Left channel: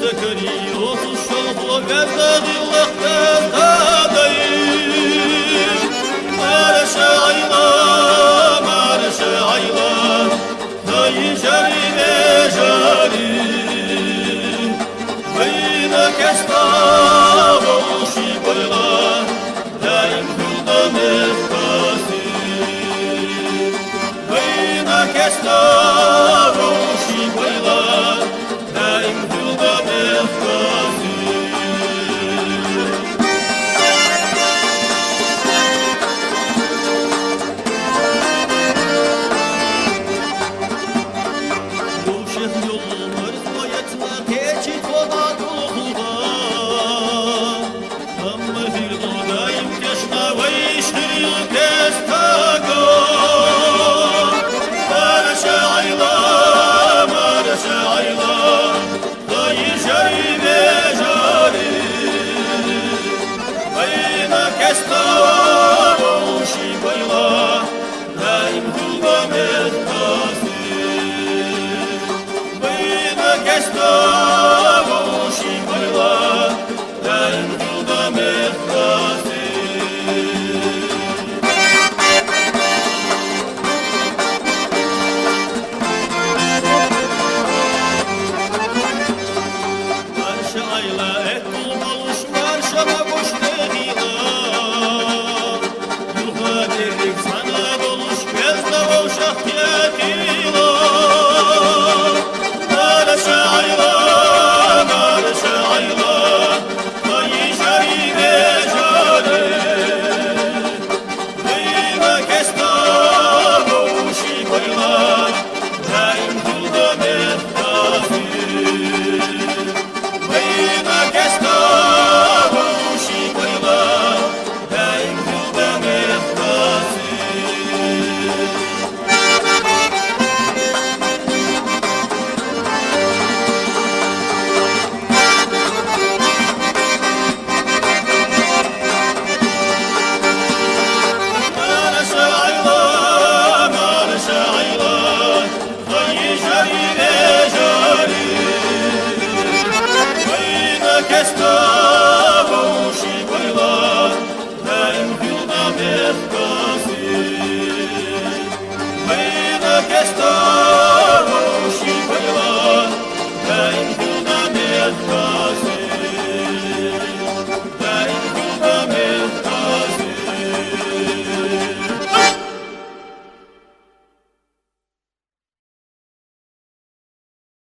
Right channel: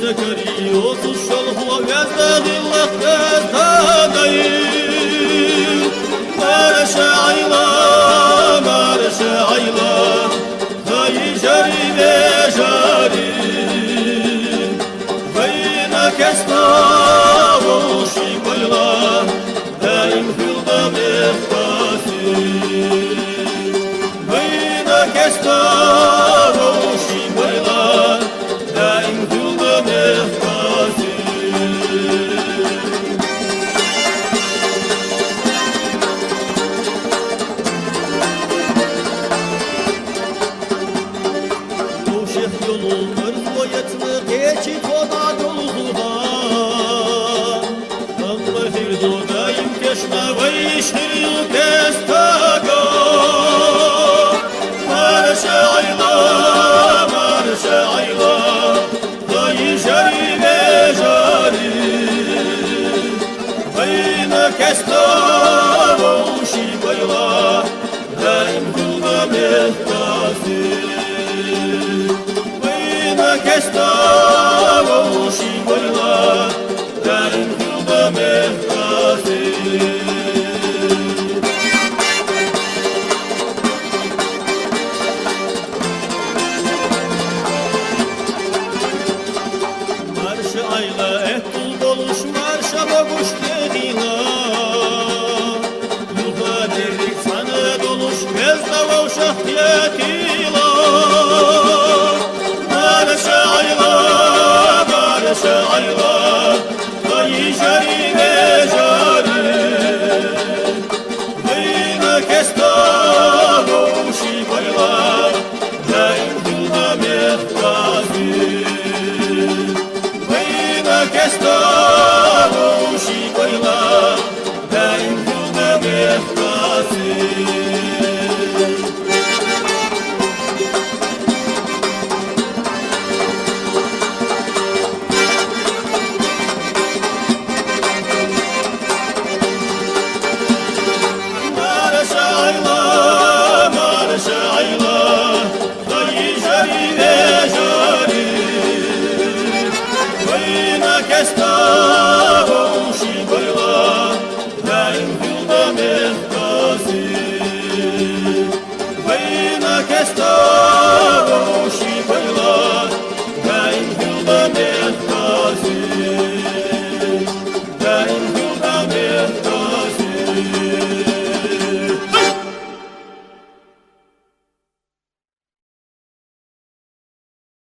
سكري وصل الشلخ وقزد القزد دايم مارش عيلا هاي جري بجاري بينك استوشي بيلا دايم في الدم اختاسي بينك استوشي بيلا دايم في الدم اختاسي Şeh yolu mırzvoyetni keçi koda dolhuda Amma hirdo daim keşna vayşhir kestaga Marşa ayla Hayy jari ve jari Bayna kestaga Şi bayla Daim kulda mehtasi Kestavushi bayla daim hilda mehtasi Marşa ayla ettul boluş marşa baguş dehina Yulga derrik sana doluş bezda vavşak yatila Marşa ayla